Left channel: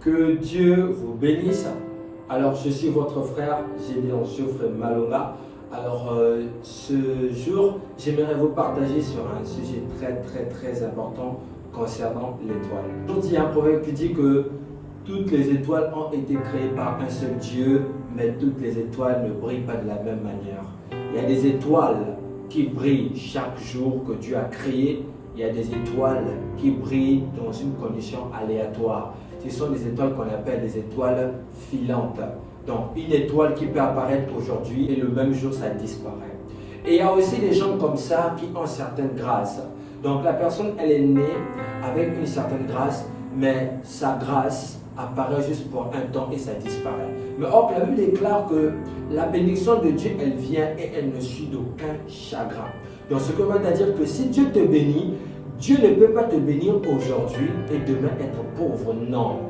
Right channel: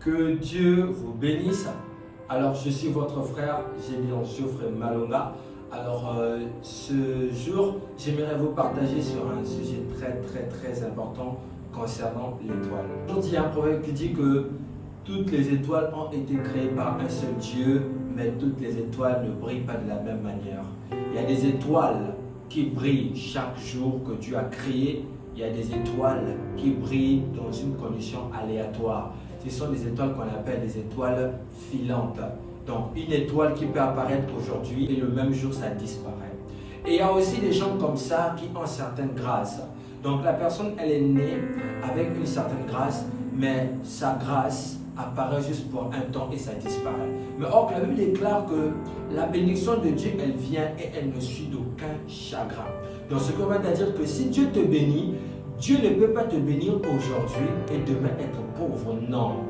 Que Dieu vous bénisse. Alors, je suis votre frère Gédéon Geoffrey Malonga. Alors, ce jour, j'aimerais vous partager sur un sujet très important concernant l'étoile. Il y a un proverbe qui dit que toutes les étoiles ont été créées par un seul Dieu, mais toutes les étoiles ne brillent pas de la même manière. Il y a des étoiles qui brillent chaque jour que Dieu a créé. Il y a des étoiles qui brillent dans une condition aléatoire. Ce sont des étoiles qu'on appelle des étoiles filantes. Donc, une étoile qui peut apparaître aujourd'hui et le même jour, ça disparaît. Et il y a aussi des gens comme ça qui ont certaines grâces. Donc, la personne, elle est née avec une certaine grâce, mais sa grâce apparaît juste pour un temps et ça disparaît. Mais or, la Bible déclare que la bénédiction de Dieu, elle vient et elle ne suit d'aucun chagrin. Donc, ce que veut dire que si Dieu te bénit, Dieu ne peut pas te bénir aujourd'hui et demain être pauvre. Non.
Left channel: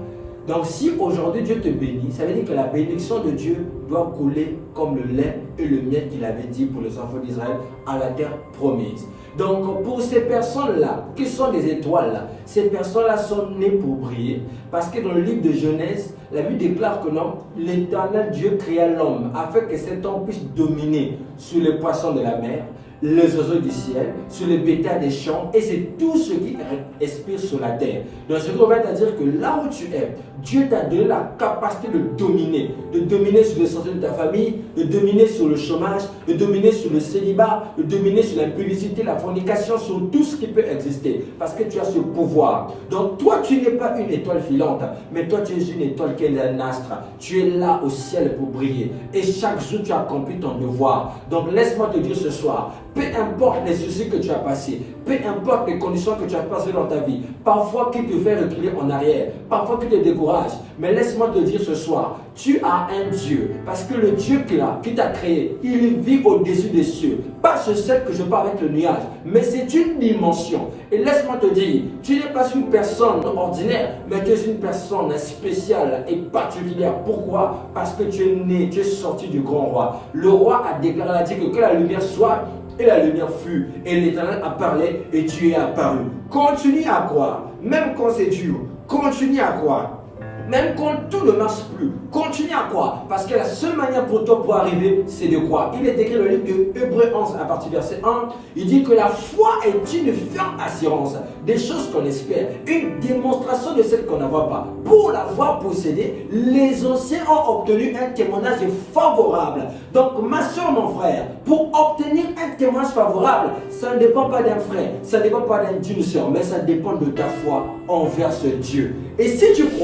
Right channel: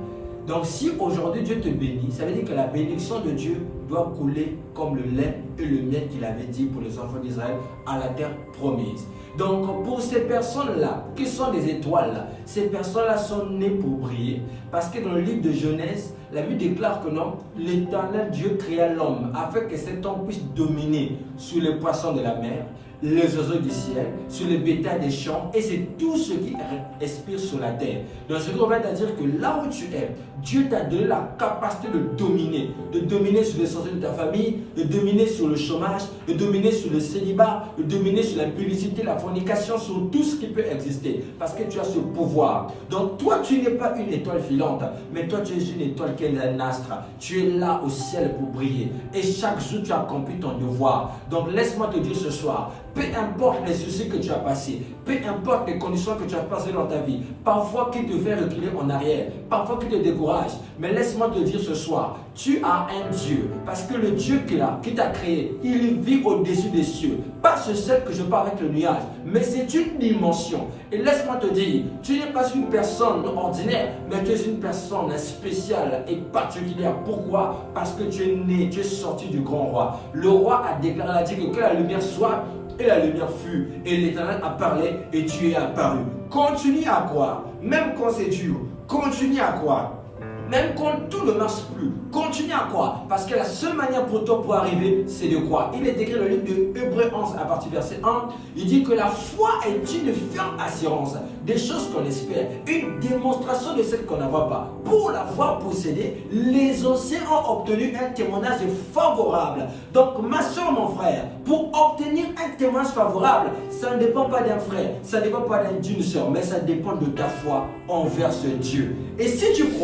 Donc, si aujourd'hui Dieu te bénit, ça veut dire que la bénédiction de Dieu doit couler comme le lait et le miel qu'il avait dit pour les enfants d'Israël à la terre promise. Donc, pour ces personnes-là, qui sont des étoiles, ces personnes-là sont nées pour briller. Parce que dans le livre de Genèse, la Bible déclare que non, l'Éternel Dieu créa l'homme afin que cet homme puisse dominer sur les poissons de la mer, les oiseaux du ciel, sur les bétails des champs, et c'est tout ce qui respire sur la terre. Donc, ce qu'on va te dire que là où tu es, Dieu t'a donné la capacité de dominer sur les sorties de ta famille, de dominer sur le chômage, de dominer sur le célibat, de dominer sur la publicité, la fornication, sur tout ce qui peut exister, parce que tu as ce pouvoir. Donc, toi, tu n'es pas une étoile filante, mais toi, tu es une étoile qui est un astre. Tu es là au ciel pour briller, et chaque jour, tu accomplis ton devoir. Donc, laisse-moi te dire ce soir, peu importe les soucis que tu as passés, peu importe les conditions que tu as passées dans ta vie, parfois qui te fait reculer en arrière, parfois qui te décourage, mais laisse-moi te dire ce soir, tu as un Dieu, parce que le Dieu qui t'a créé, il vit au-dessus des cieux. Pas ce ciel que je parle avec le nuage, mais c'est une dimension. Et laisse-moi te dire, tu n'es pas une personne ordinaire, mais tu es une personne spéciale et particulière. Pourquoi? Parce que tu es né, tu es sorti du grand roi. Le roi a déclaré, a dit que la lumière soit, et la lumière fut, et l'Éternel a parlé, et tu es apparu. Continue à croire, même quand c'est dur. Continue à croire. Même quand tout ne marche plus, continue à croire. Parce que la seule manière pour toi pour arriver, c'est de croire. Il est écrit dans le livre de Hébreux 11, à partir du verset 1. Il dit que la foi est une ferme assurance des choses qu'on espère, une démonstration de celles qu'on ne voit pas. Pour l'avoir possédée, les anciens ont obtenu un témoignage favorable. Donc, ma soeur, mon frère, pour obtenir un témoignage favorable, ça ne dépend pas d'un frère, ça ne dépend pas d'une soeur, mais ça dépend de ta foi envers ce Dieu. Et si tu crois,